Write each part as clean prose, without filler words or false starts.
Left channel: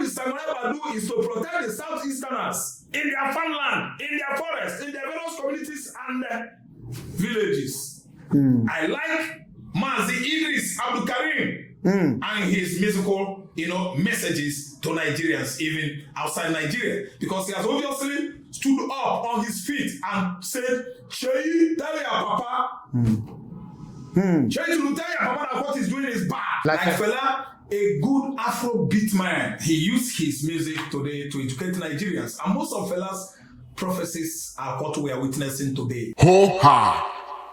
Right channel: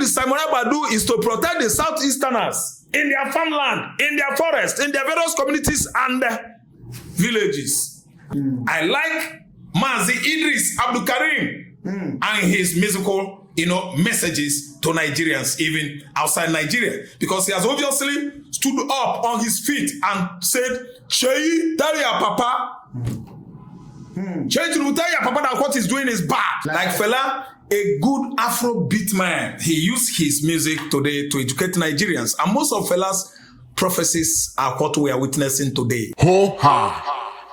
the Simon Ekpa do is to protect the Southeasterners in their farmland, in their forest, in their various communities and villages. I like Mazi, Idris, Abdulkareem, and his musical, messages to Nigerians, even outside Nigeria, because he has obviously stood up on his feet and said, "Chey, tell your papa, Chey, tell your papa that what he's doing is bad." Like fella, a good Afrobeat man, he used his music today to educate Nigerians, and most of fella's prophecies are what we are witnessing today. Ho ha!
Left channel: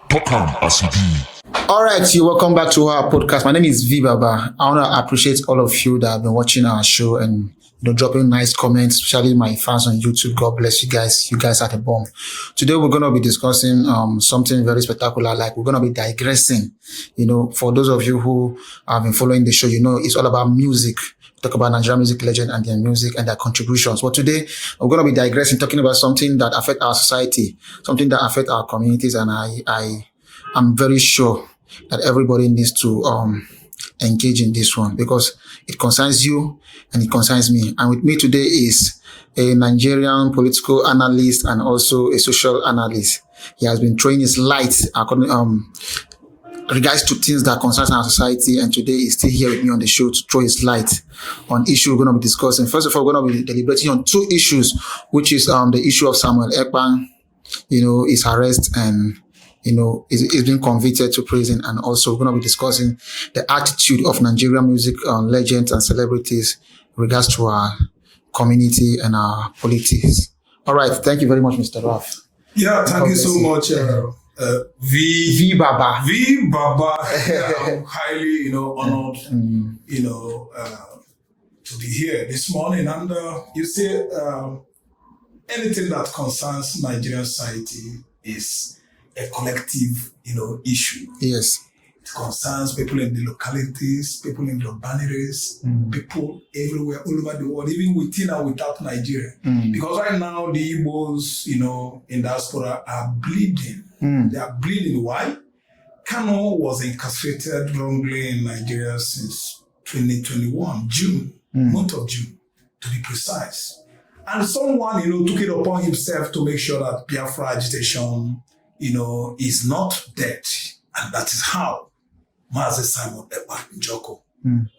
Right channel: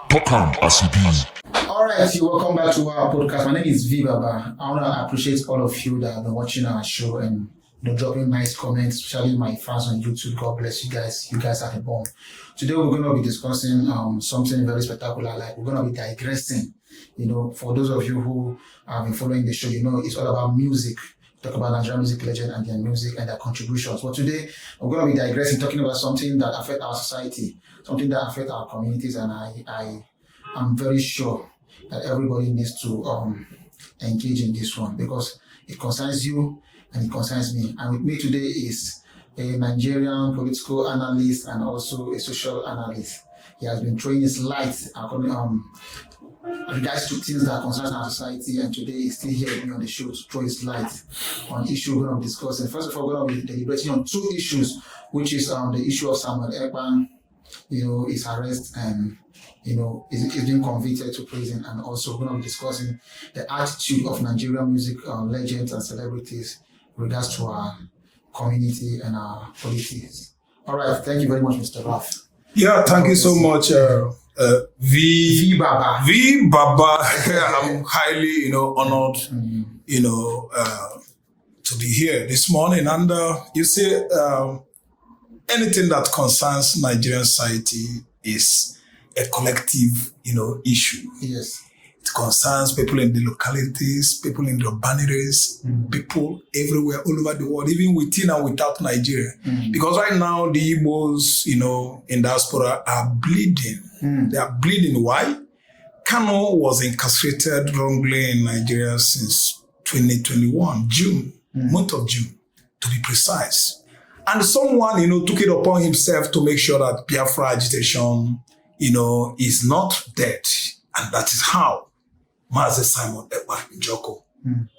Talk as it be. All right, you welcome back to our podcast. My name is V Baba. I want to appreciate all of you that have been watching our show and dropping nice comments, especially my fans on YouTube. God bless you guys. You guys are the bomb. Today we're going to be discussing something very spectacular. Like we're going to be digressing. For those of you who have been following the show, it's all about music. Talk about Nigerian music legend and their music and their contributions. But today we're going to be digressing, talking about something that affects our society, something that affects our communities, and I'm very sure that everybody needs to engage in this one because it concerns you and it concerns me. And with me today is a Nigerian political analyst and also a social analyst. He has been throwing his light regards to things that concerns our society, and today he's still here with me on the show to throw his light on issues we're going to be discussing. First of all, we're going to be deliberating on two issues, which is the issue of Simon Ekpa, his arrest and is being convicted to prison, and also we're going to be discussing the attitude of Nigerian music legends and celebrities in regards to our community and our politics. All right, thank you very much, Mr. Raff. Yeah, thank you so much, V Baba. V Baba. I'm highly, honored, to be here this morning. And you see, anything that concerns Nigerian society is a collective, issue. Yes. It concerns people in the localities, people in the urban areas, people everywhere, all over the world, even within and without Nigeria. Because right now, the Igbos, in diaspora are bleeding. They are bleeding. Why? Kano was incarcerated wrongly in Nigeria since 2021, June, month of June, to be precise. And someone, took it upon himself to make sure that Biafra agitation, is not dead. And that is how Mazi Simon Ekpa Njoko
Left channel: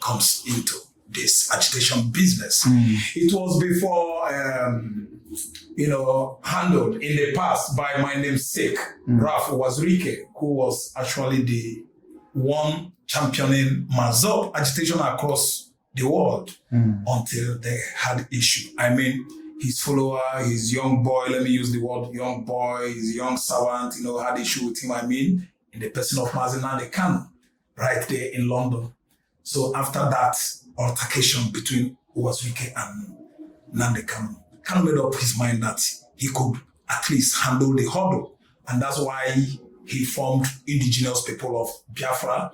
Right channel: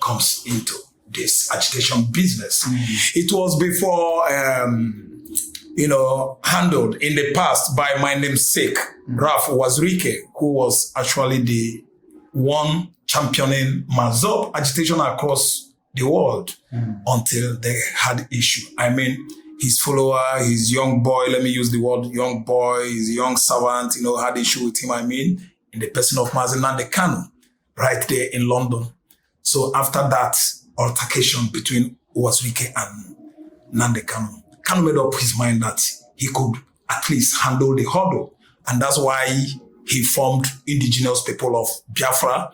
comes into this agitation business. It was before, handled in the past by my namesake, Raff who was actually the one championing Mazi agitation across the world until they had issue. I mean, his follower, his young boy, let me use the word young boy, his young servant, had issue with him, in the person of Mazi Kanu, right there in London. So after that altercation between Wazirike and Nande Kanu, Kanu made up his mind that he could at least handle the hurdle. And that's why he formed indigenous people of Biafra.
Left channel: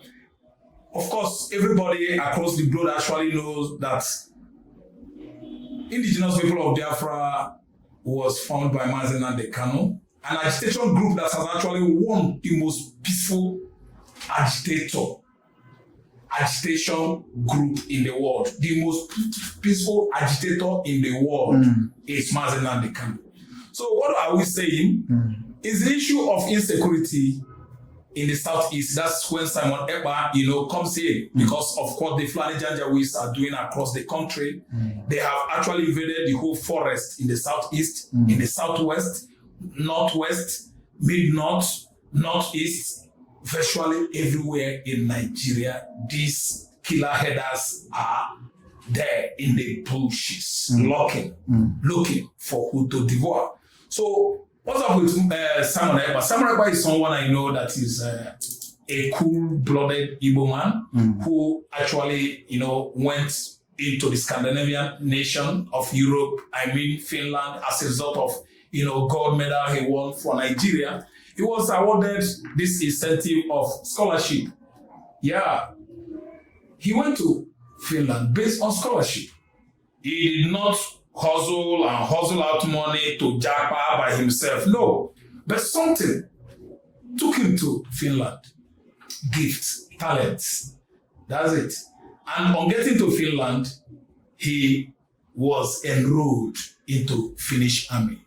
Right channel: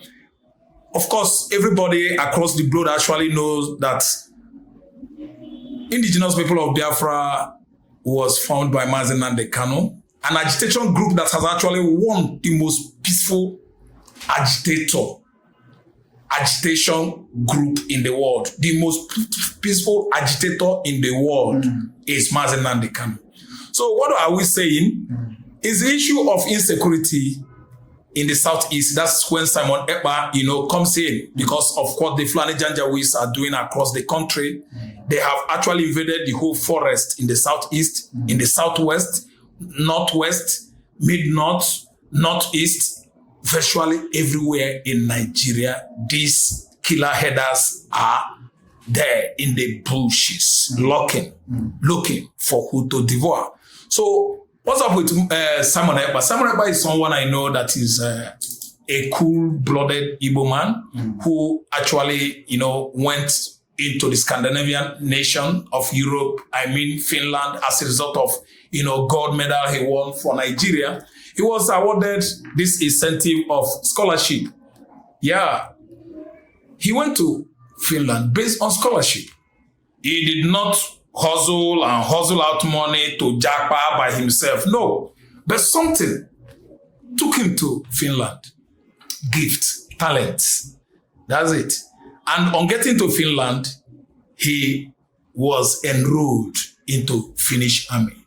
Of course, everybody across the globe actually knows that indigenous people of Biafra was formed by Mazi Nande Kanu, an agitation group that has actually won the most peaceful agitation group in the world. The most peaceful agitator in the world is Mazi Nande Kanu. So what are we saying? Is the issue of insecurity in the southeast. That's when Simon Ekpa, comes in because of what the Fulani Janjaweeds are doing across the country. They have actually invaded the whole forest in the southeast, in the southwest, northwest, mid-north, northeast, virtually everywhere in Nigeria. These killer headers are there in the bushes, looking for who to devour. So what's up with Simon Ekpa? Simon Ekpa is someone I know that is a cool-blooded Igbo man who actually, went into the Scandinavian nation of Europe, Finland, as a result of, gold medal he won for Nigeria. He was awarded this incentive of scholarship. Yeah. He went to Finland based on scholarship. He did not hustle out money to japa by himself. No. But something took him to Finland. Gift, talent. That's it. And on getting to Finland, he was enrolled into Finnish army.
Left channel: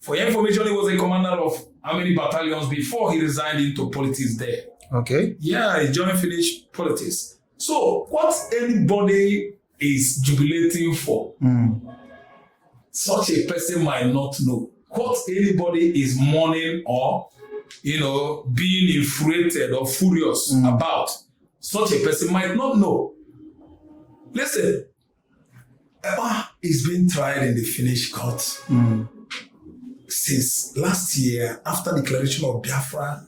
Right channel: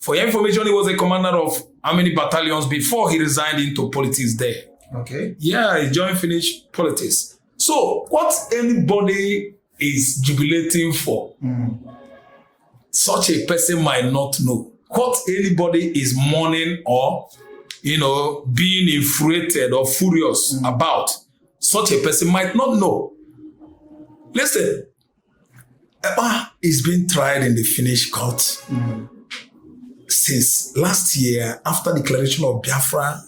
For your information, he was a commander of how many battalions before he resigned into politics there. Okay. Yeah, he joined Finnish politics. So what anybody is jubilating for, such a person might not know. What anybody is mourning or, being infuriated or furious about, such a person might not know. Listen, Ekpa is being tried in the Finnish court since last year after the declaration of Biafra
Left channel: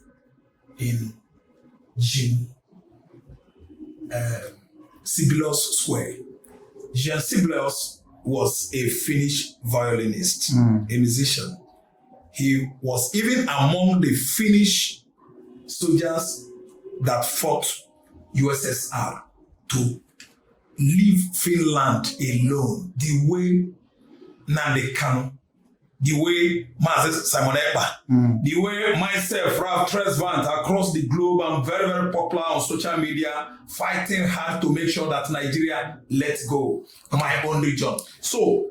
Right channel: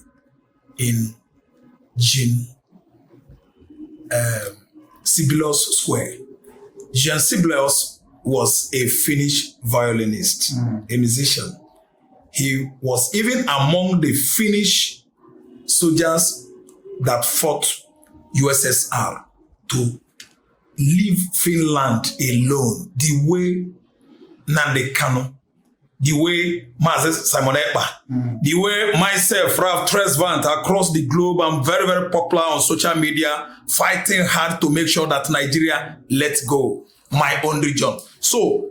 in June. Sibelius Square. Jean Sibelius was a Finnish violinist, a musician. He was even among the Finnish soldiers that fought USSR to leave Finland alone, the way Nnamdi Kanu, the way Mazi, Simon Ekpa, the way myself, Raff, across the globe, I'm very, very popular on social media, fighting hard to make sure that Nigeria lets go my own region. So,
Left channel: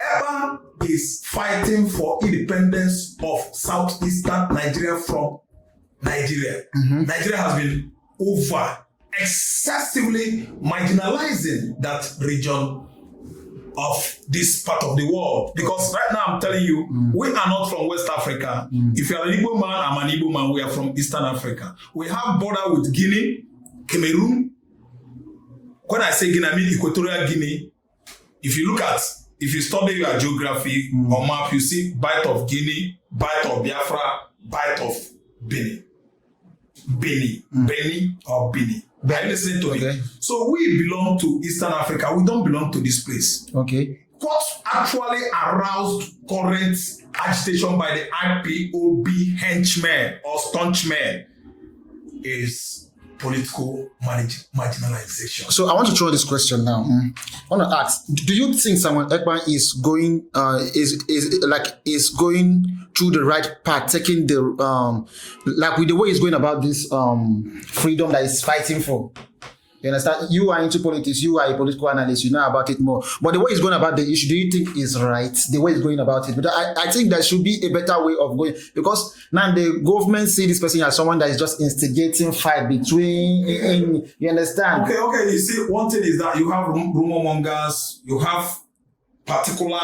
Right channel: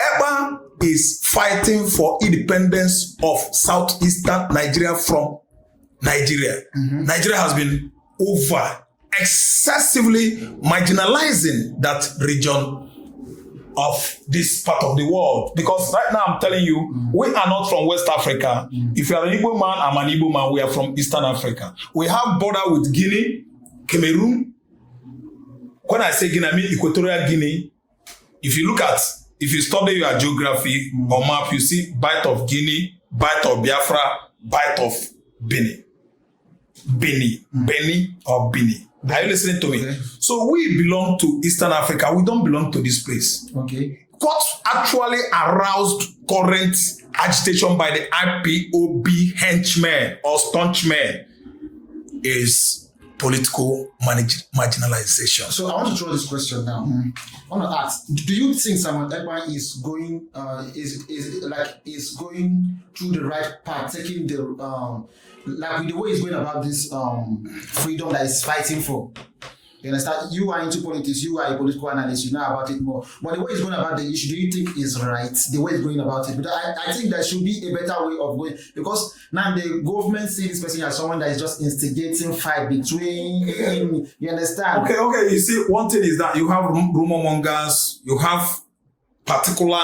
Ekpa is fighting for independence of southeastern Nigeria from Nigeria. Nigeria has been excessively marginalizing that region of this part of the world. Because right now I'm telling you, we are not from West Africa. If you are an Igbo man, I'm an Igbo man. We are from Eastern Africa. We have border with Guinea, Cameroon. When I say Guinea, I mean Equatorial Guinea. If you study your geography or map, you see bite of Guinea, bite of Biafra, bite of Benin. Benin. Are you listening to me? Okay. So we belong to Eastern Africa. We don't belong to this place. Okay. What actually aroused current agitation by the IPOB henchmen or staunchmen is political marginalization. So I want to throw this question now. I want to ask: do you think Simon Ekpa is going is going through the right path, taking the with the way he's going about this freedom that he's fighting for? You understand? You are into politics. You are a political analyst. You know about it more. But the way he's going about the issue, do you think is right? The way he's going about it, but I think there should be a better way of going, because now the government see this person as someone that is just instigating fight between. You understand? Okay. You see, one thing is that you have rumor mongers. You have particular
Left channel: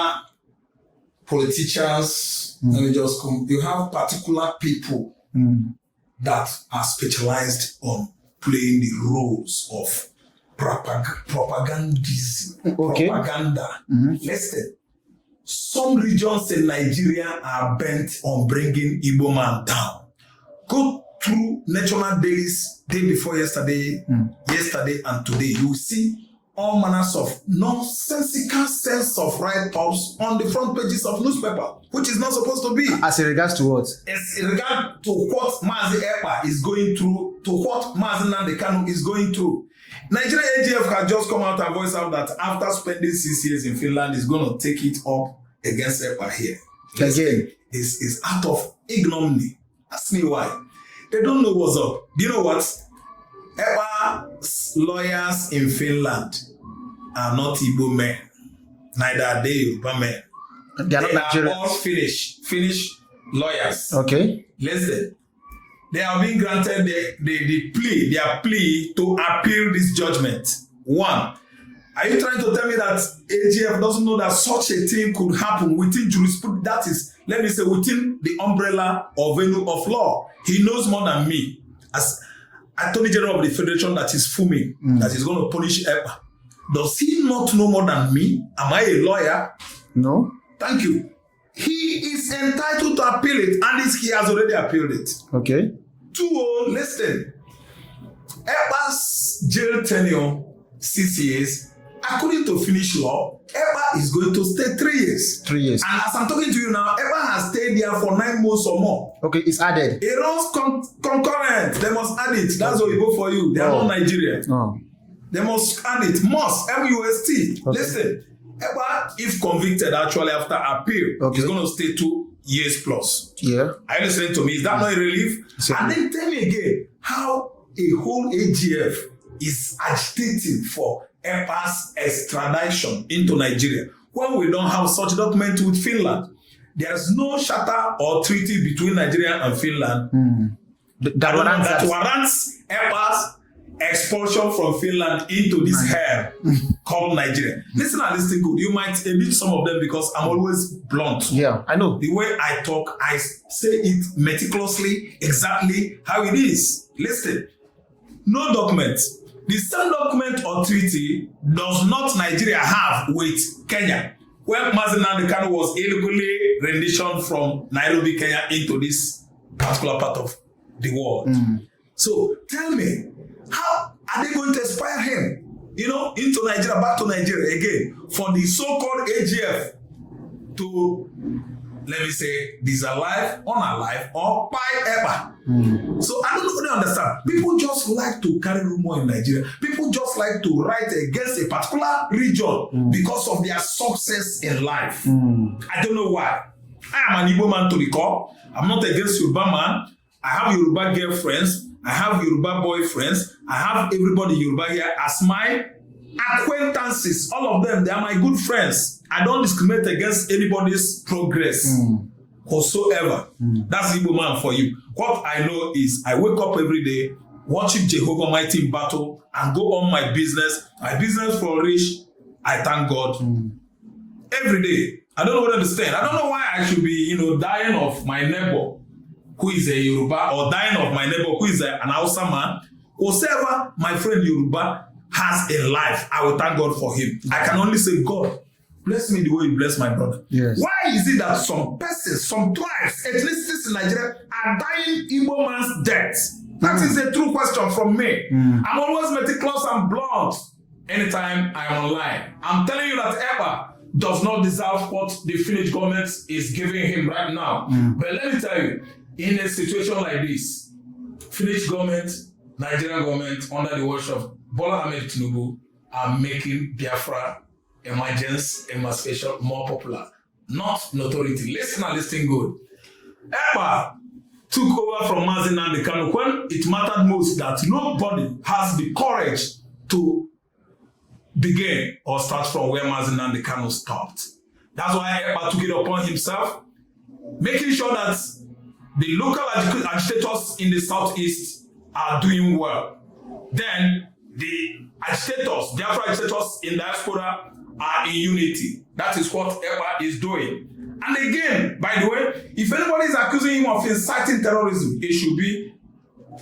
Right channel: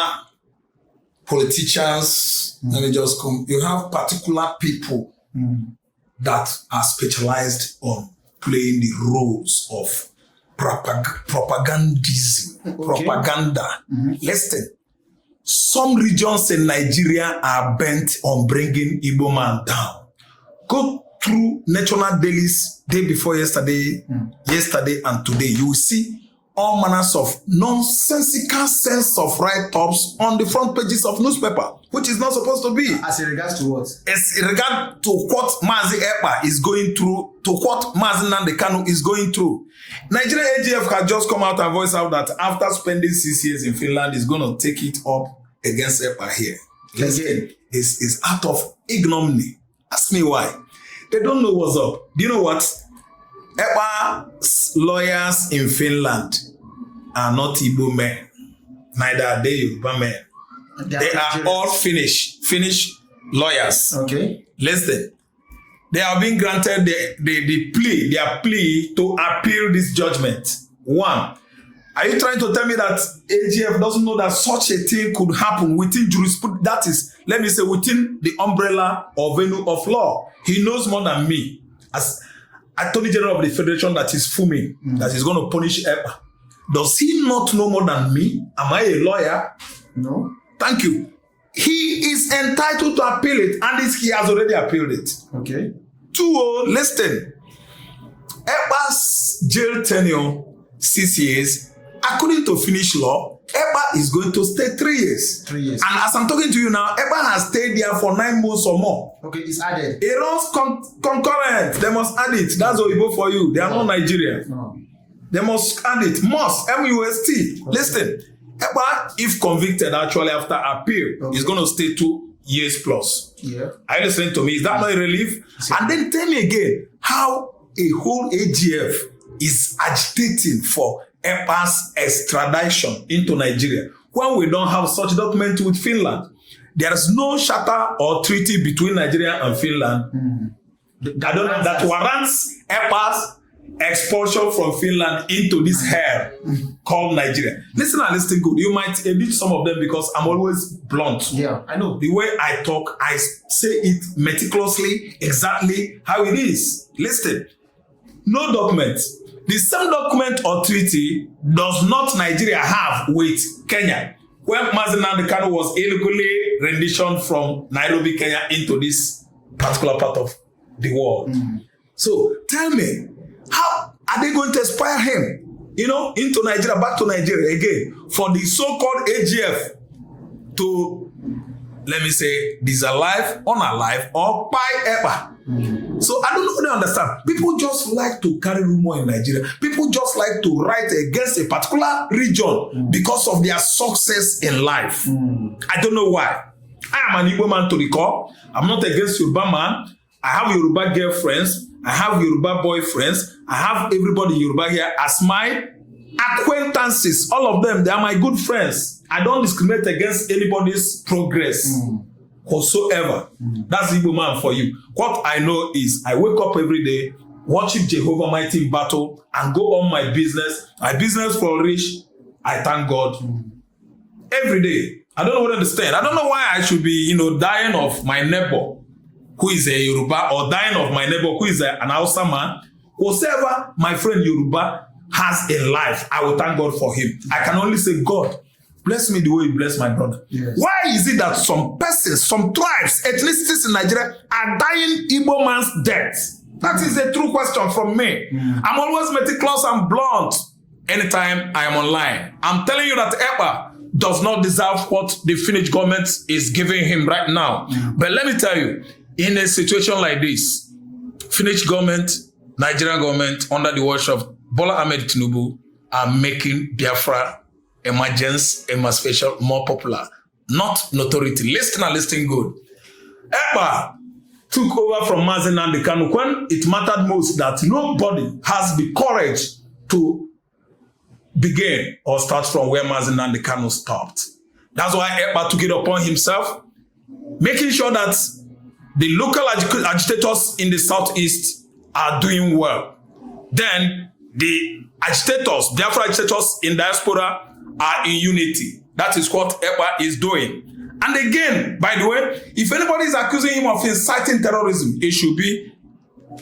politicians. Let me just come. You have particular people that are specialized on playing the roles of propagandism, propaganda. Listen, some regions in Nigeria are bent on bringing Igbo man down. Go through national dailies day before yesterday and today. You will see all manners of nonsensical sense of write-ups on the front pages of newspaper, which is not supposed to be. As in regards to what? As in regard to what Mazi Ekpa is going through, to what Mazi Nnamdi Kanu is going through. Nigeria AGF has just come out and voiced out that after spending 6 years in Finland, is going to take it up against Ekpa here. It's out of ignominy. Ask me why. They don't know what's up. Do you know what? Ekpa's lawyers in Finland are not Igbo men. Neither are they Yoruba men. They are all Finnish lawyers. Okay. Listen, they have been granted their plea to appeal this judgment. One, are you trying to tell me that AGF doesn't know that such a thing could happen within jurisprudence? That is, let me say, within the umbrella or venue of law. He knows more than me. As Attorney General of the Federation that is fuming, that is going to punish Ekpa. Does he not know more than me? Am I a lawyer? No. Thank you. He is entitled to appeal it, and he has already appealed it. Okay. 2, listen. Ekpa's jail tenure 6 years. According to Finnish law, Ekpa is going to stay 3 years. 3 years. And as I'm talking to you now, Ekpa has stayed there for 9 months or more. Okay, it's added. It runs concurrent. They must add it. That's what we go for you. They are not Nigerian. Oh. They must add it. Must. M-U-S-T. Okay. Listen. Ekpa, if convicted actually after appeal, is going to stay 2 years plus. Yeah. Are you listening to me? Is that not a relief? And then tell me again how a whole AGF is agitating for Ekpa'S extradition into Nigeria when we don't have such document with Finland. There is no charter or treaty between Nigeria and Finland that warrants Ekpa'S expulsion from Finland into this hell called Nigeria. Listen and listen good. You might edit some of them because I'm always blunt. Yeah, I know. The way I talk, I say it meticulously, exactly how it is. Listen, no document. The same document or treaty does not Nigeria have with Kenya. When Mazi was illegally renditioned from Nairobi, Kenya into this particular part of the world. So tell me, how are they going to expire him, into Nigeria, back to Nigeria again, for the so-called AGF to, let me say, disalive, unalive, or buy Ekpa? So I don't really understand. People just like to carry rumor in Nigeria. People just like to write against a particular region because of their success in life. I don't know why. I am an Igbo man to the core. I'm not against Yoruba man. I have Yoruba girlfriends. I have Yoruba boyfriends. I have everybody Yoruba here as my acquaintances. All of them, they are my good friends. I don't discriminate against anybody's progress whatsoever. That's the Igbo man for you. What I know is I wake up every day, watching Jehovah Mighty in battle, and go on my business. My business flourish. I thank God every day. I don't understand. I don't know why I should be, dying of my neighbor who is a Yoruba, or dying of my neighbor who is an Hausa man. Whatever my friend Yoruba has in life, I will thank God for him. I can only say, God, bless me the way you bless my brother. Yes. Why is it that some persons, some tribes, ethnicities in Nigeria are dying Igbo man's death? That is a true question from me. I'm always meticulous and blunt anytime I am online. I'm telling you that Ekpa does not deserve what the Finnish government is giving him right now. But let me tell you, in a situation like this, Finnish government, Nigerian government, under the watch of Bola Ahmed Tinubu, are making Biafra emergence, emancipation more popular, not notoriety. Listen good. Ekpa took over from Mazi when it mattered most that nobody has the courage to begin or start from where Mazi stopped. That's why Ekpa took it upon himself, making sure that the local agitators in the southeast are doing well. Then the agitators, Biafra agitators in diaspora, are in unity. That is what Ekpa is doing. And again, by the way, if anybody is accusing him of inciting terrorism, it should be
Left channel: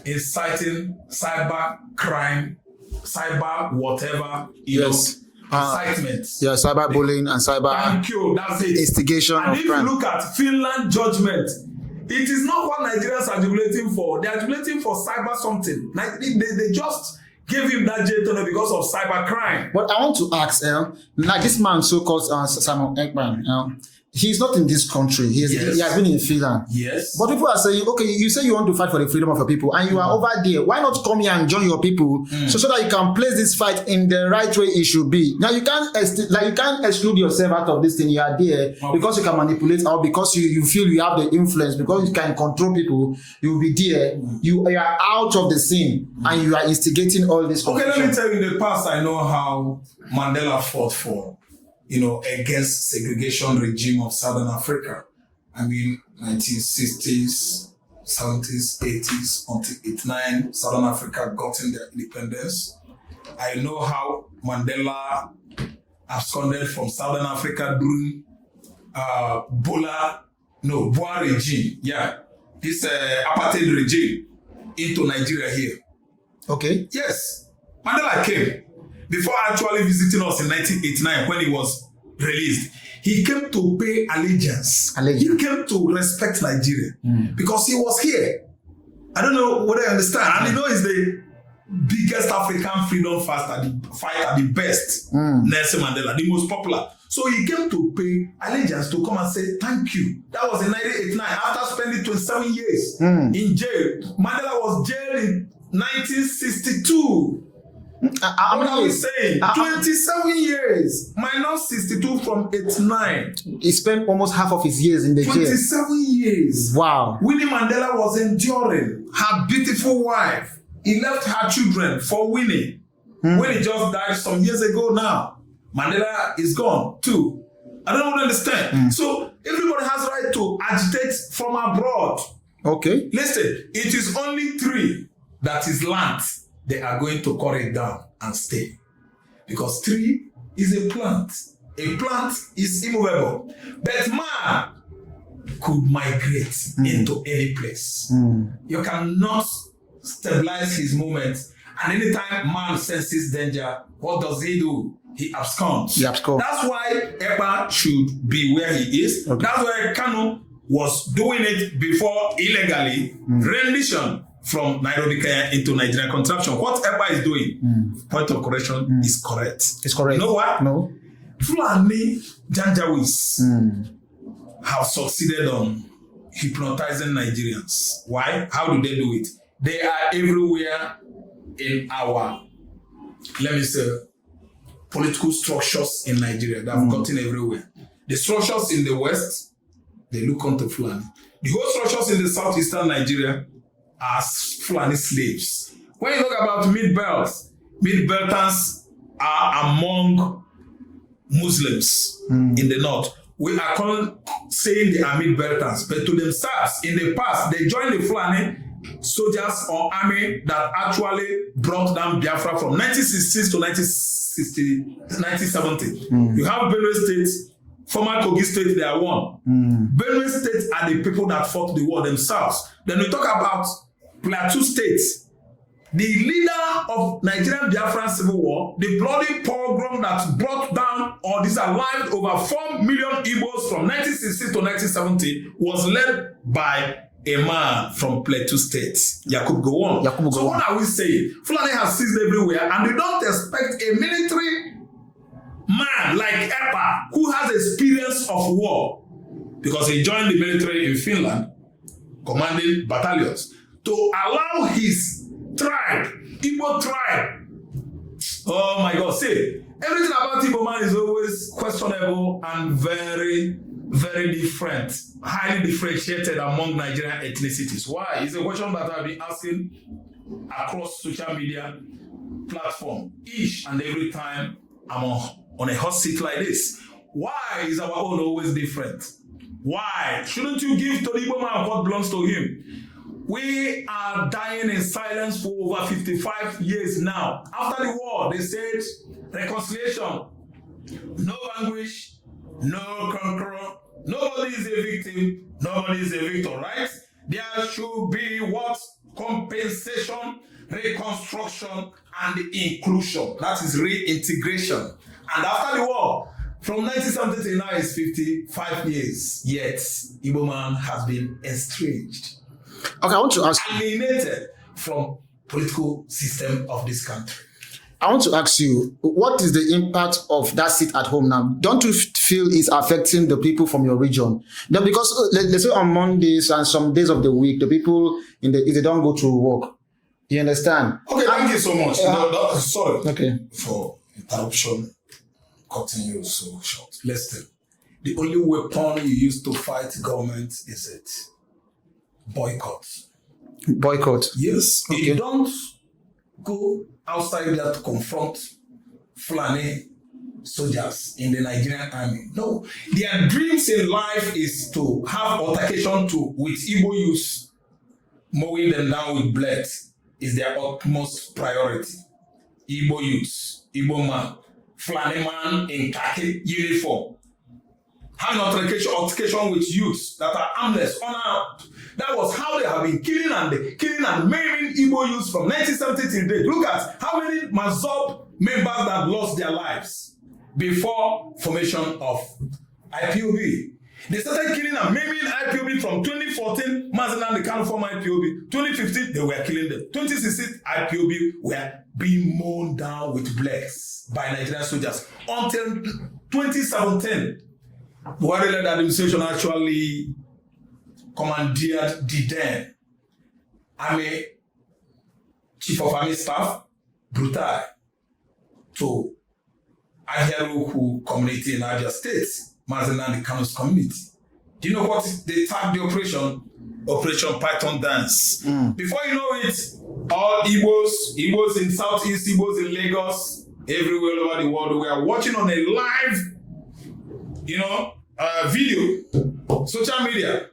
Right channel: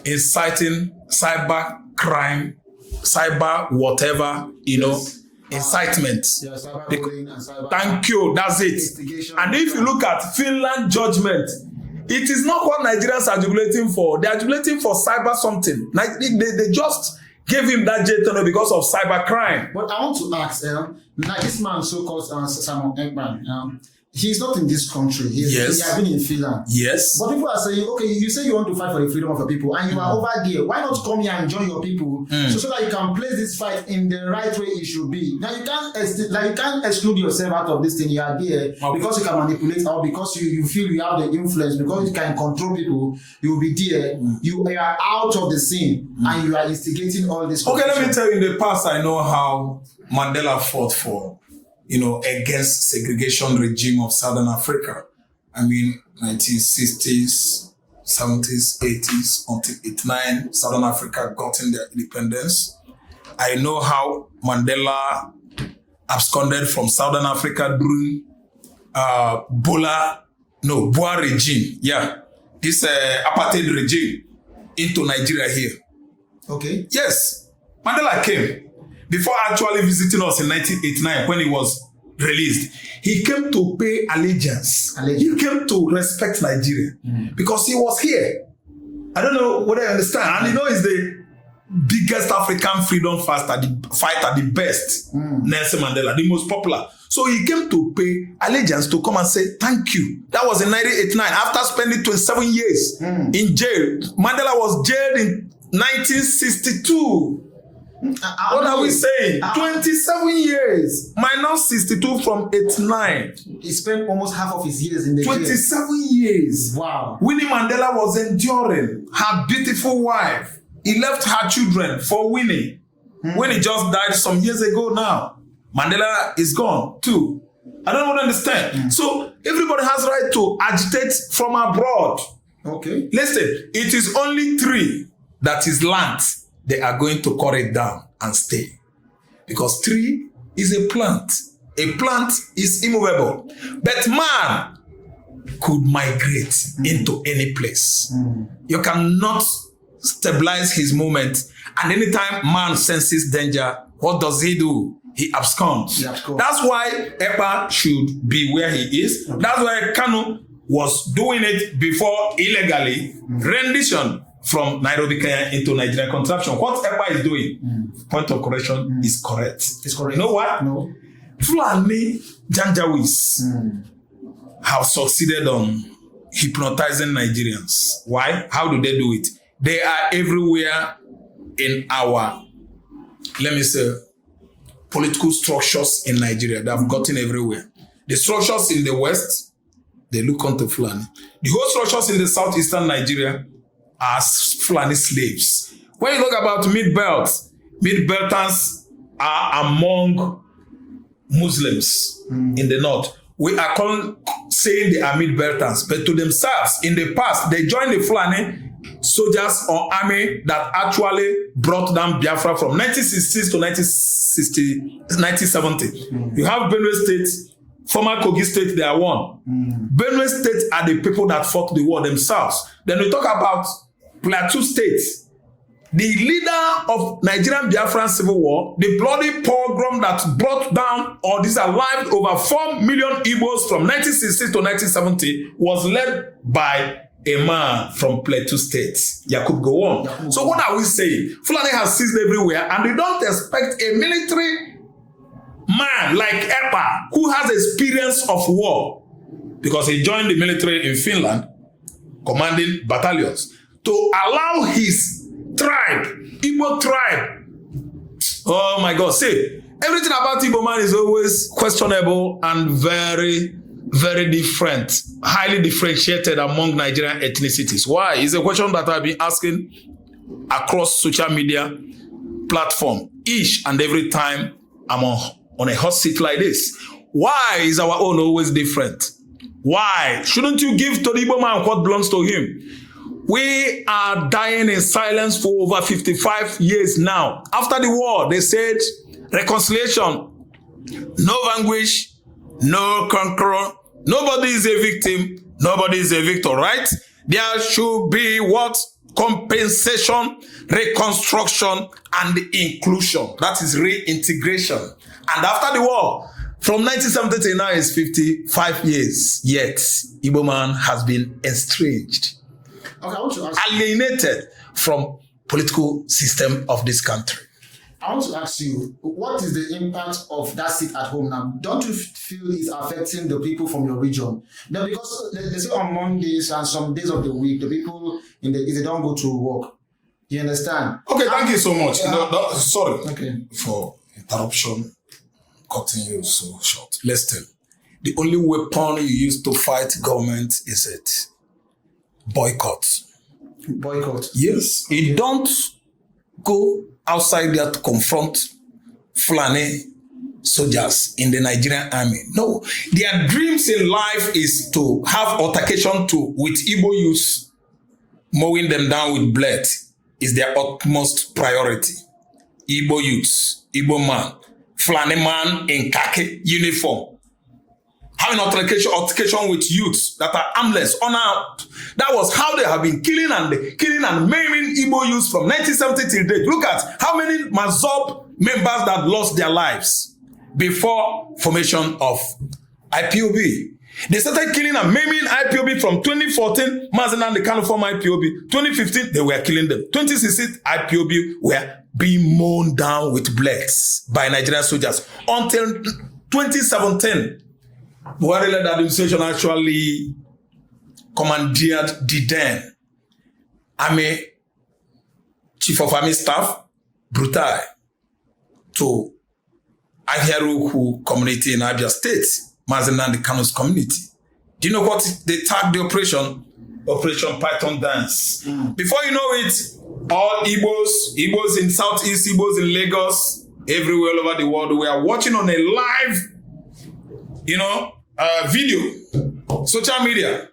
inciting cyber crime, cyber whatever, incitement. Yeah, cyber bullying and cyber. Thank you. That's it. Instigation. And if you look at Finland judgment, it is not what Nigerians are jubilating for. They are jubilating for cyber something. Like they just gave him that jail because of cyber crime. But I want to ask, like this man, so-called Simon Ekpa, he's not in this country. He has been in Finland. Yes. But people are saying, okay, you say you want to fight for the freedom of your people, and you are over there. Why not come here and join your people, so that you can place this fight in the right way it should be? Now you can't exclude yourself out of this thing. You are there because you can manipulate, or because you feel you have the influence, because you can control people. You will be there. You are out of the scene, and you are instigating all this. Okay, let me tell you. In the past, I know how Mandela fought for, against segregation regime of Southern Africa. I mean, 1960s, 70s, 80s, until 89, Southern Africa gotten their independence. I know how Mandela absconded from Southern Africa during Boer regime. Yeah, this apartheid regime into Nigeria here. Okay. Yes, Mandela came. Before actually visiting us in 1989 when he was released, he came to pay allegiance. He came to respect Nigeria because he was here. I don't know whether I understand. And he's the biggest African freedom fighter, the best, Nelson Mandela, the most popular. So he came to pay allegiance, to come and say thank you. That was in 1989 after spending 27 years in jail. Mandela was jailed in 1962. What are we saying? 27 years minus 62 from 89. He spent almost half of his years in the 27 years. Wow. Winnie Mandela was enduring her beautiful wife. He left her children for Winnie. when he just died some years ago now. Mandela is gone too. I don't understand. So everybody has right to agitate from abroad. Okay. Listen, it is only 3 that is land. They are going to cut it down and stay. Because 3 is a plant. A plant is immovable. But man could migrate into any place. You cannot stabilize his movement. And anytime man senses danger, what does he do? He absconds. That's why Ekpa should be where he is. Okay. That's why Kanu was doing it before illegally rendition from Nairobi, Kenya into Nigerian contraption. What Ekpa is doing, point of correction, is correct. It's correct. You know what? No. Fulani Janjawis have succeeded on hypnotizing Nigerians. Why? How do they do it? They are everywhere in our, let me say, political structures in Nigeria. They have gotten everywhere. The structures in the West, they look onto Fulani. The whole structures in the southeastern Nigeria are Fulani slaves. When you talk about mid-belters are among Muslims in the north. We are saying they are mid-belters, but to themselves, in the past, they joined the Fulani soldiers or army that actually brought down Biafra from 1966 to 1970. You have Benue State, former Kogi State, they are one. Benue State are the people that fought the war themselves. Then we talk about Plateau State, the leader of Nigerian Biafran Civil War, the bloody pogrom that brought down or disallowed over 4 million Igbos from 1960 to 1970 was led by a man from Plateau State, Yakub Gowon. So what are we saying? Fulani has seized everywhere, and we don't expect a military man like Ekpa, who has experience of war, because he joined the military in Finland, commanding battalions, to allow his tribe, Igbo tribe. Oh my God, see, everything about Igbo man is always questionable and very, very different, highly differentiated among Nigerian ethnicities. Why? It's a question that I've been asking across social media platform each and every time I'm on a hot seat like this. Why is our own always different? Why? Shouldn't you give to the Igbo man what belongs to him? We are dying in silence for over 55 years now. After the war, they said reconciliation, no vanquish, no conqueror, nobody is a victim, nobody is a victor, right? There should be what? Compensation, reconstruction, and inclusion. That is reintegration. And after the war, from 1970 to now is 55 years, yet Igbo man has been estranged. Okay, I want to ask, alienated from political system of this country. I want to ask you, what is the impact of that seat at home now? Don't you feel it's affecting the people from your region? Then because let's say on Mondays and some days of the week, the people if they don't go to work, you understand? Okay, thank you so much. Sorry for interruption, cutting you so short. Listen, the only weapon you use to fight government is it. Boycott. Yes. Okay. You don't go outside there to confront Fulani soldiers in the Nigerian army. No. Their dreams in life is to have altercation with Igbo youths, mowing them down with blade is their utmost priority. Igbo youths, Igbo man, Fulani man in khaki uniform, having altercation with youths that are armless, unarmed. That was how they have been killing and maiming Igbo youths from 1970 till date. Look at how many Mazob members that lost their lives before formation of IPOB. They started killing and maiming IPOB from 2014, Mazi and the Kanu formed IPOB. 2015, they were killing them. 2016, IPOB were being mown down with blades by Nigerian soldiers. Until 2017, Buhari-led administration actually commandeered the then Army Chief of Army Staff, Brutai, to Ahiaruku community in Abia State, Mazi and the Kanu's community. Do you know what they tagged the operation? Operation Python Dance. Before you know it, all Igbos in Southeast, Igbos in Lagos, everywhere all over the world, we are watching on a live, video, social media.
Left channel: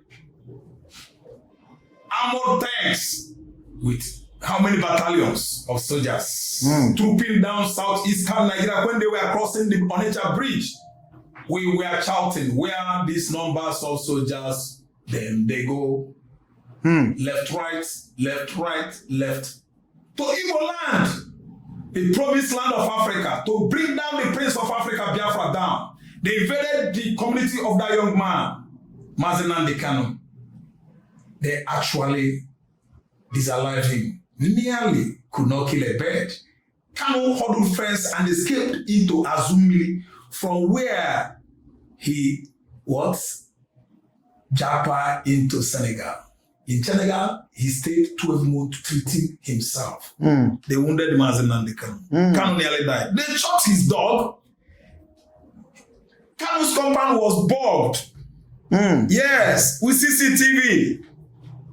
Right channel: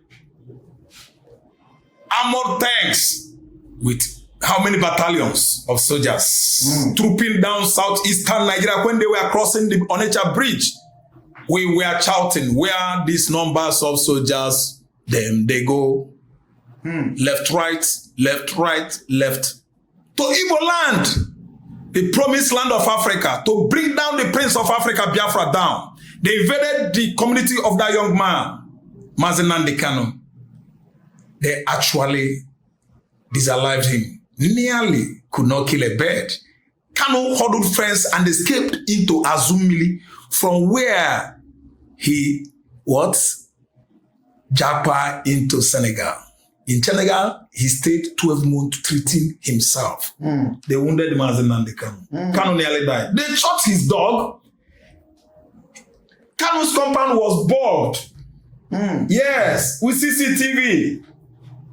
Armored tanks with how many battalions of soldiers trooping down southeastern Nigeria when they were crossing the Onitsha Bridge. We were shouting, where these numbers of soldiers, then they go left, right, left, right, left. To Igbo land, the promised land of Africa, to bring down the Prince of Africa, Biafra, down. They invaded the community of that young man, Mazi. They actually disalived him. Nearly could not kill a bird. Kanu huddled friends and escaped into Azumili, from where he Japa into Senegal. In Senegal, he stayed 12 months treating himself. They wounded Mazi Kanu. Kanu nearly died. They shot his dog. Kanu's compound was bombed. Yes, with CCTV.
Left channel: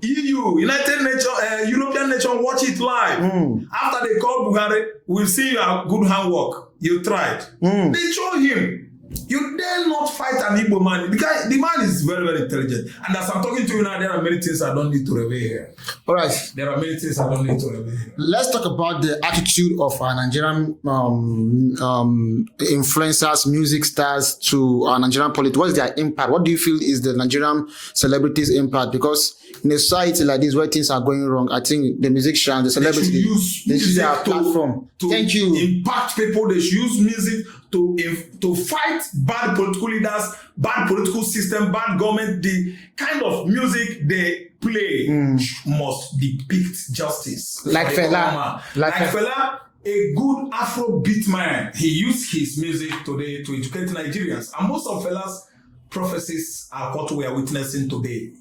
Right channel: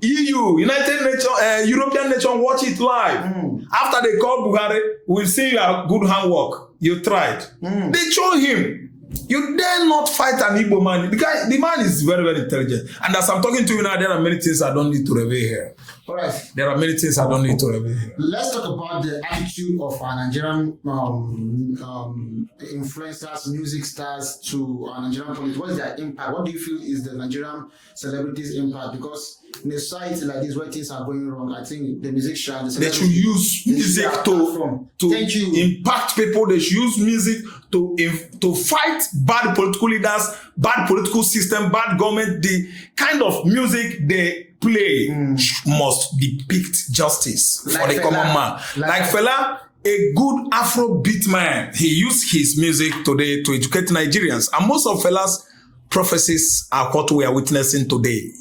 EU, United Nations, European Nation watch it live. After they called Buhari, we've seen your good handwork. You tried. They chose him. You dare not fight an Igbo man. Because the man is very, very intelligent. And as I'm talking to you now, there are many things I don't need to reveal here. All right. There are many things I don't need to reveal here. Let's talk about the attitude of our Nigerian influencers, music stars to our Nigerian politics. What is their impact? What do you feel is the Nigerian celebrities' impact? Because in a society like this where things are going wrong, I think the musicians, the celebrities, they should use music to Thank you. impact people. They should use music to fight bad political leaders, bad political system, bad government. The kind of music they play must depict justice Like for the common man. Like Fela, a good Afrobeat man. He used his music today to educate Nigerians. And most of Fela's prophecies are what we are witnessing today.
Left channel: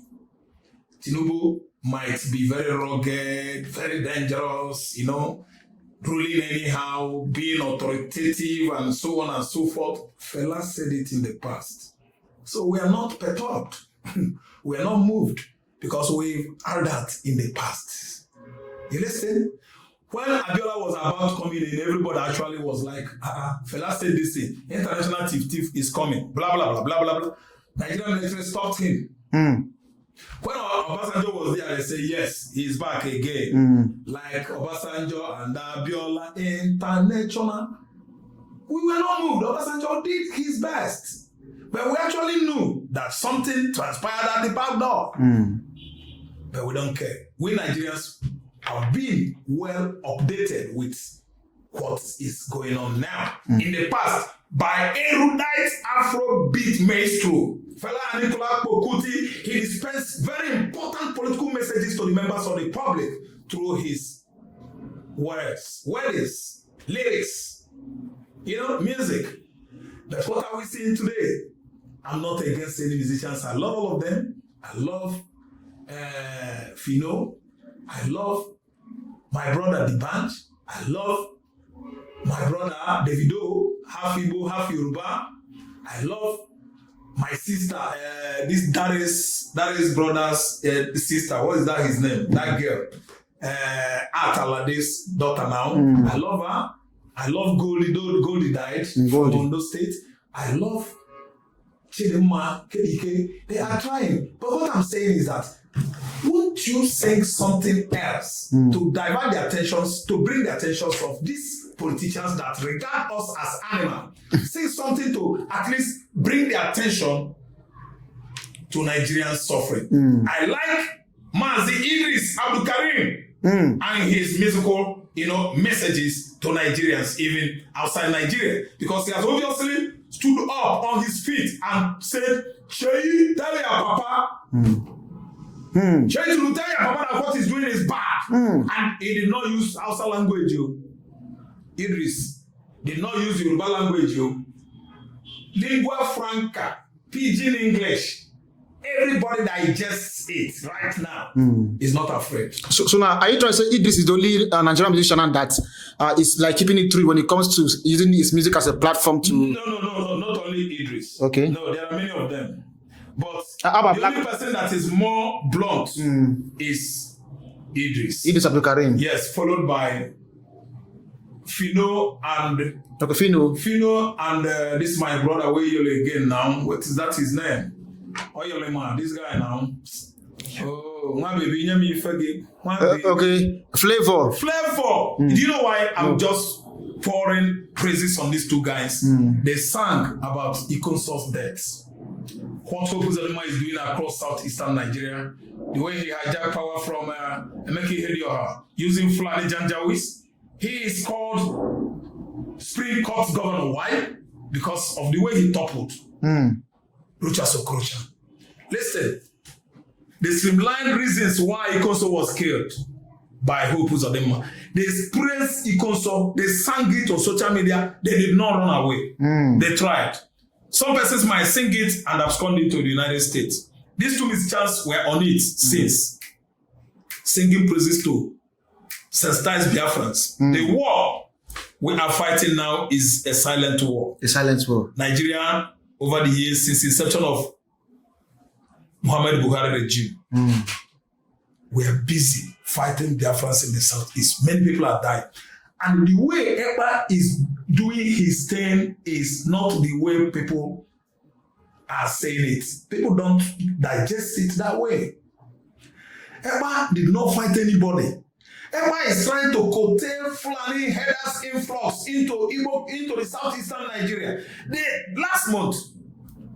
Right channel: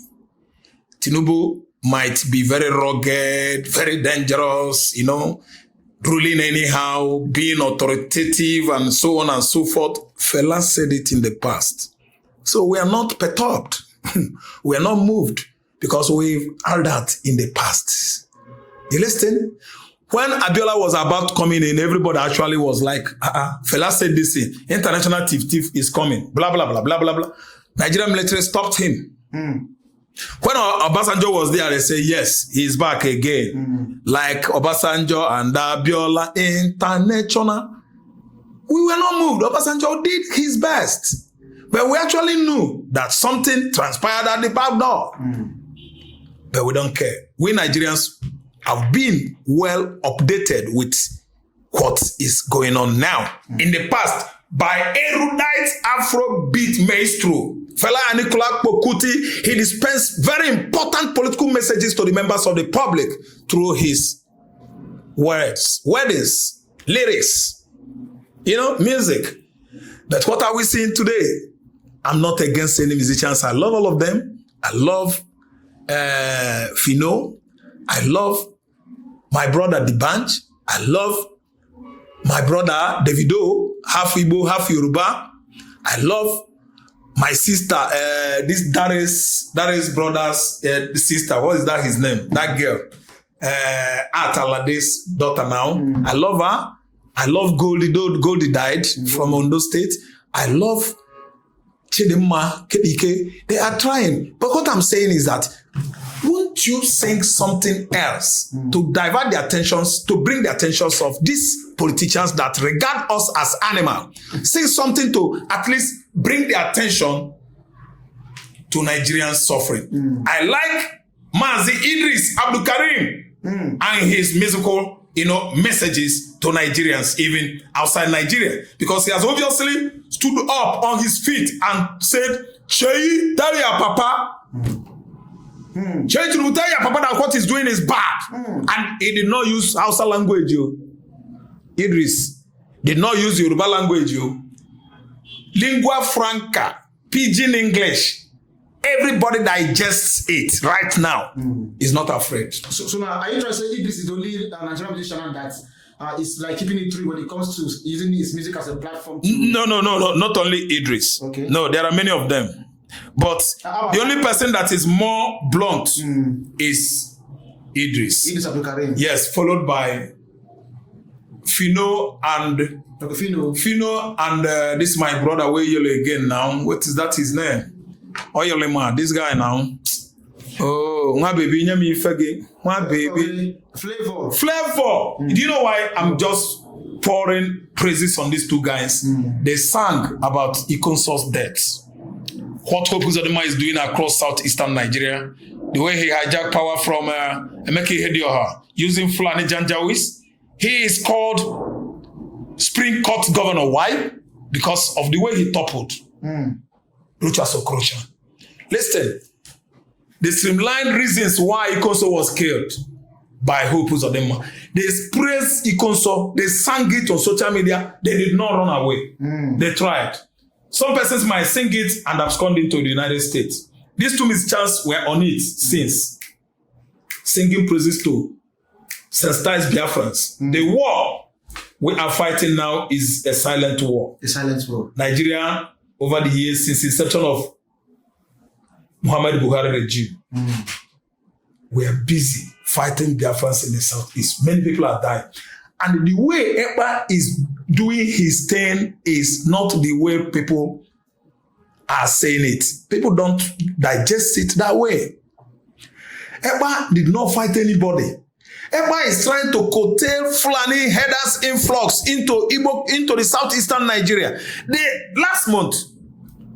Tinubu might be very rugged, very dangerous, ruling anyhow, being authoritative, and so on and so forth. Fela said it in the past. So we are not perturbed. We are not moved because we've heard that in the past. You listen? When Abiola was about coming in, everybody actually was like, Fela said this thing. International thief is coming. Blah, blah, blah, blah, blah, blah. Nigerian military stopped him. When Obasanjo was there, they say, yes, he's back again. Like Obasanjo and Abiola International. We were not moved. Obasanjo did his best. But we actually knew that something transpired at the back door. But we don't care. We Nigerians have been well updated with what is going on now. In the past, by erudite Afrobeat maestro, Fela Anikulapo Kuti, he dispensed very important political messages to the members of the public through his words, weddings, lyrics, music. But what are we seeing today? I'm not against any musicians. I love all of them. I love Fino. I love my brother Dibanj. I love my brother Davido, half Igbo, half Yoruba. I love my sister, this Darius brother's sister. What is that his name? That girl. Atalade's daughter now. I love her. I love Goldie. Goldie died from Ondo State. I love Chidimma, Kedike. They are trying. But what I'm saying is that won't you sing something else to divert the attentions, to bring the attentions of these politicians that regard us as animals? Sing something to at least bring the attention to Nigerian suffering. I like Mazi, Idris, Abdulkareem, and his musical, messages to Nigerians, even outside Nigeria, because he has obviously stood up on his feet and said, Sheyi, tell your papa. Sheyi, tell your papa that what he's doing is bad. And he did not use Hausa language. Idris did not use Yoruba language. Lingua franca, pidgin English. Everybody digests it right now. Is not afraid. So now, are you trying to say Idris is the only Nigerian musician that is like keeping it true when it comes to using his music as a platform to... No, not only Idris. Okay. No, there are many of them. But the only person that is more blunt is Idris. Idris Abdulkareem. Yes, followed by Fino and Fino and this my brother where yellow again now. What is that his name? Oyolema, this guy now. Oh, my baby, nyami fege. My baby. Okay. Flavor. Do you know why I'm just pouring praises on these two guys? They sang about Ikonso's deaths. What Hope Uzodinma is doing across southeastern Nigeria. The way he hijacked power from Emeka Ihedioha using Fulani Janjawis. He is called Spring Court Governor. Why? Because of the way he toppled. Rucha Okorocha. Listen, the streamlined reasons why Ikonso was killed by Hope Uzodinma. They praised Ikonso, they sang it on social media, they did not run away. They tried. Some persons might sing it and abscond into the United States. These two mischance were on it since. Singing praises to sensitize Biafrans. The war we are fighting now is a silent war. A silent war. Nigeria, over the years, since the inception of Muhammad Buhari regime, we are busy fighting Biafrans in the southeast. Many people are dying. And the way Ekpa is doing his thing is not the way people are saying it. People don't digest it that way. Ekpa did not fight anybody. Ekpa is trying to curtail Fulani headers influx into the southeastern Nigeria. Last month,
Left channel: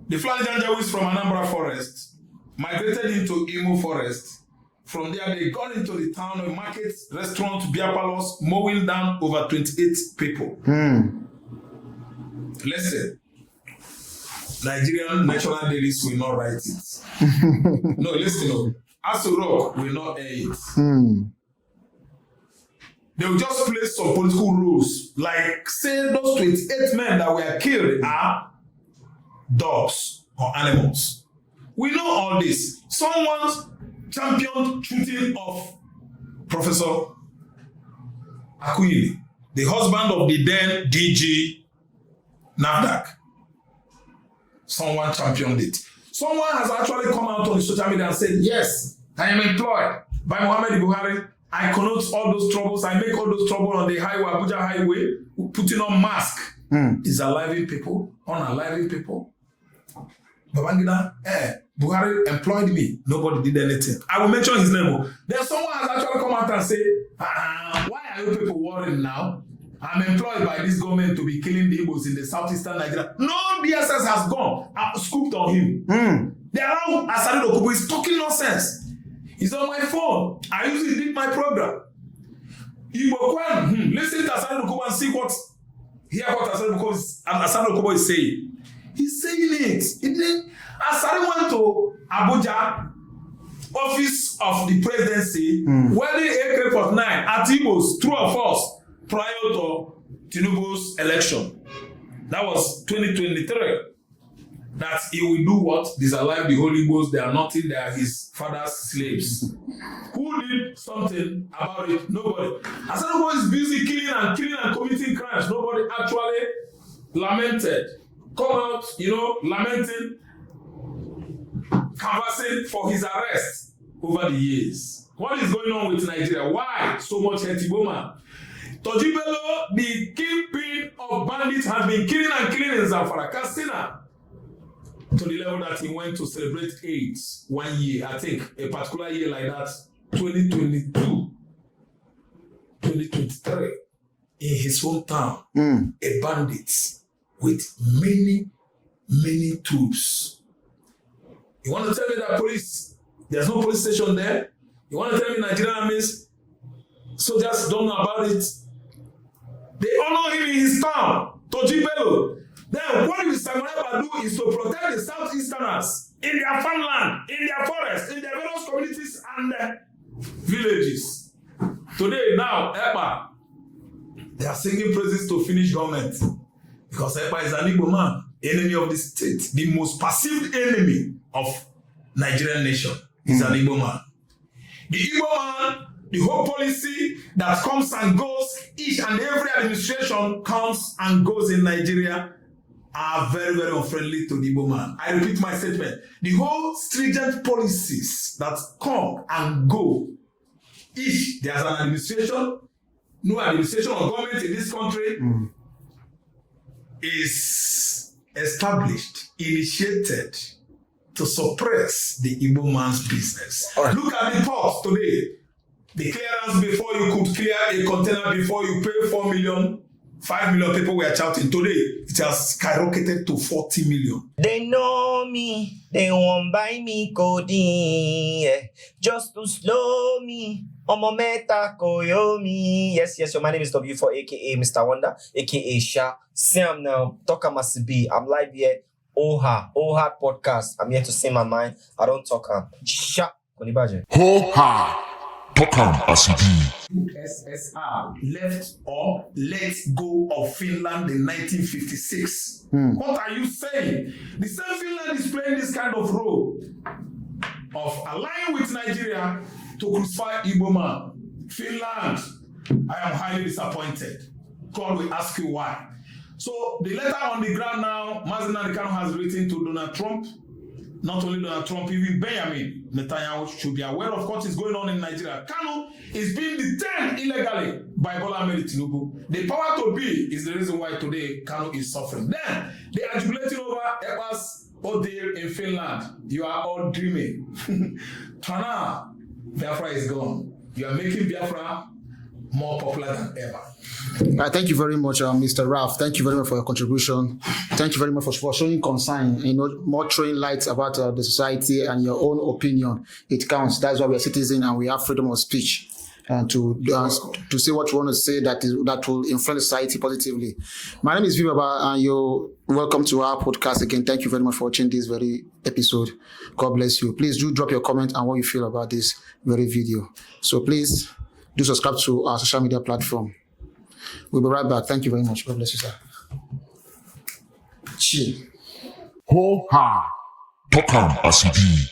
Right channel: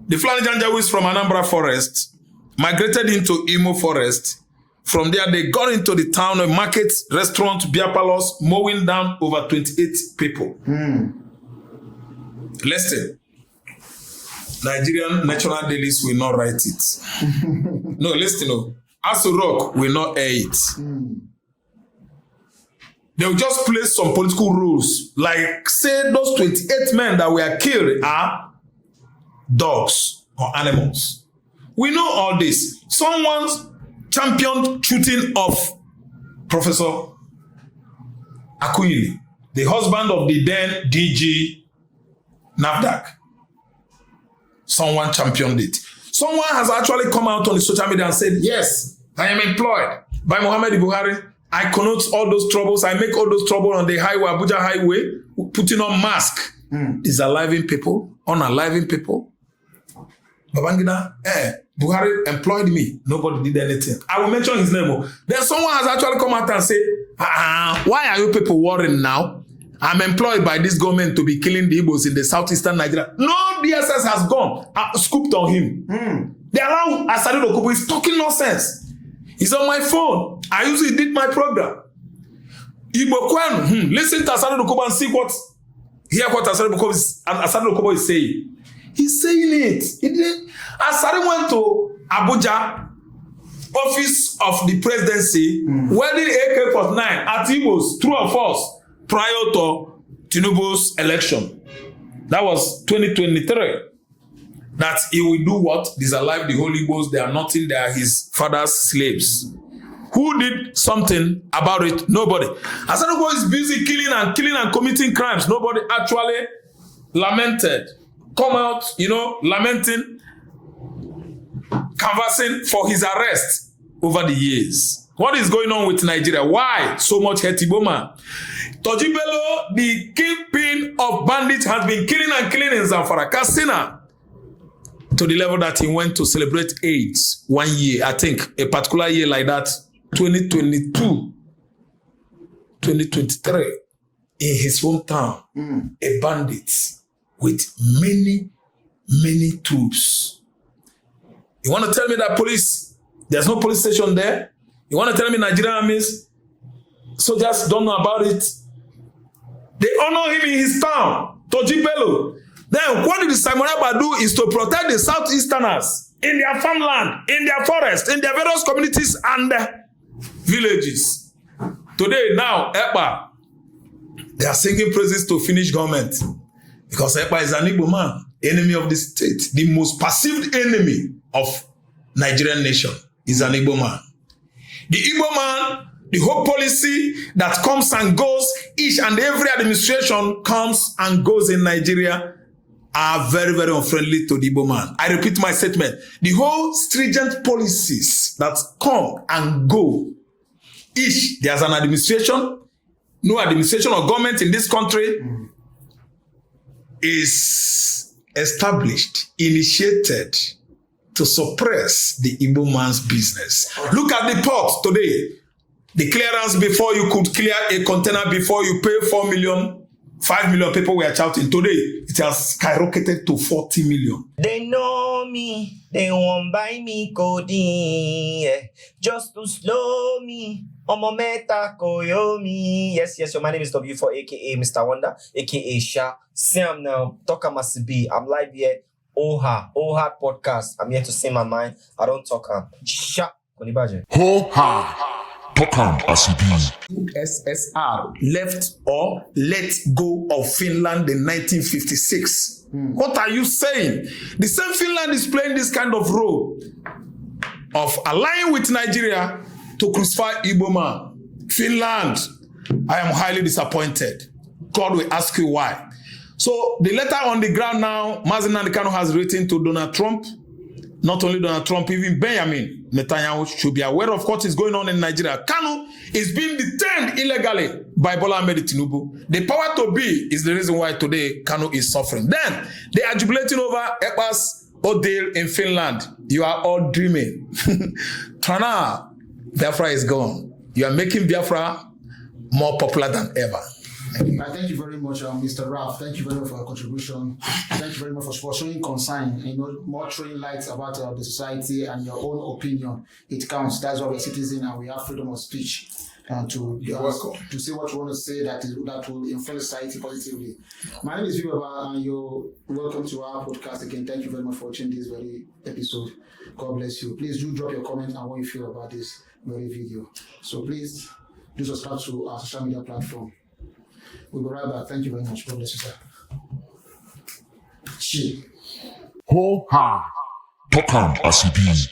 the Fulani Janjawis from Anambra Forest migrated into Imo Forest. From there, they got into the town of markets, restaurants, beer parlors, mowing down over 28 people. Listen, Nigerian natural dailies will not write it. No, listen, no. Aso Rock will not air it. They will just play some political rules. Like, say those 28 men that were killed are dogs or animals. We know all this. Someone's championed shooting of Professor Akuyili, the husband of the then DG NAFDAC. Someone championed it. Someone has actually come out on the social media and said, yes, I am employed by Muhammad Buhari. I connote all those troubles. I make all those trouble on the highway, Abuja highway, putting on mask. These are living people, unaliving people. Babangida, Buhari employed me. Nobody did anything. I will mention his name. Then someone has actually come out and said, why are you people worrying now? I'm employed by this government to be killing the Igbos in the southeastern Nigeria. No DSS has gone, scooped on him. They allow Asari Dokubu is talking nonsense. He's on my phone. I usually did my program. Igbo Kwen, listen to Asari Dokubu and see what, hear what Asari Dokubu is saying. He's saying it. Asari went to Abuja, office of the presidency, wearing AK-49 at Igbos, true or false, prior to Tinubu's election. That was 2023. That he will do what? Disalive the Holy Ghost. They are nothing. They are his father's slaves. Who did something about it? Nobody. Asari is busy killing and committing crimes. Nobody actually lamented. Come out, lamenting, canvassing for his arrest over the years. What is going on with Nigeria? Why so much Hetiboma? Tojibelo, the kingpin of bandits, has been killing in Zamfara, Katsina, to the level that he went to celebrate AIDS 1 year, I think, a particular year like that, 2022, 2023, in his hometown, a bandit with many troops. You want to tell me that there's no police station there? You want to tell me Nigerian armies, soldiers don't know about it? They honor him in his town, Tojibelo. Then what did Simon Ekpa do is to protect the Southeasterners in their farmland, in their forest, in their various communities and villages. Today, now, Ekpa, they are singing praises to Finnish government because Ekpa is an Igbo man, enemy of the state. The most perceived enemy of Nigerian nation is an Igbo man. The Igbo man, the whole policy that comes and goes, each and every administration comes and goes in Nigeria, are very, very unfriendly to the Igbo man. I repeat my statement. The whole stringent policies that come and go, each, there's an administration, no administration or government in this country is established, initiated to suppress the Igbo man's business. Right. Look at the port today. The clearance before you could clear a container before you pay 4 million, 5 million people were shouting. Today, it has skyrocketed to 40 million. They know me, they won't buy me codeine, yeah. Just to slow me. Omometa Koyomi. Yes, your my name is W4, aka Mr. Wonder, aka Sha. Sam now, Talk Masibi. I'm live here. Oha podcast. I'm here to say my mind. I don't talk. Sha. Konibaje. Ho-ha. Talk Asibi. USSR left or let go of Finland in 1956. What are you saying? The same Finland is playing this kind of role of allying with Nigeria to crucify Igbo man. Finland, I am highly disappointed. God will ask you why. So the letter on the ground now, Mazi has written to Donald Trump. Not only Donald Trump, even Benjamin Netanyahu should be aware of what is going on in Nigeria. Kanu is being detained illegally by Bola Ahmed Tinubu. The power to be is the reason why today Kanu is suffering. Then they are jubilating over Ekpa'S ordeal in Finland. You are all dreaming. Tana, Biafra is gone. You are making Biafra more popular than ever. Thank you very much, Mr. Raff. Thank you very much for your contribution. Thank you very much for showing concern, more throwing lights about the society and your own opinion. It counts. That's why we're citizens and we have freedom of speech. To say what you want to say that will influence society positively. My name is Vibaba and you're welcome to our podcast again. Thank you very much for watching this very episode. God bless you. Please do drop your comment and what you feel about this very video. So please do subscribe to our social media platform. We'll be right back. Thank you very much. God bless you, sir. Chill. Ho-ha. Talk Asibi.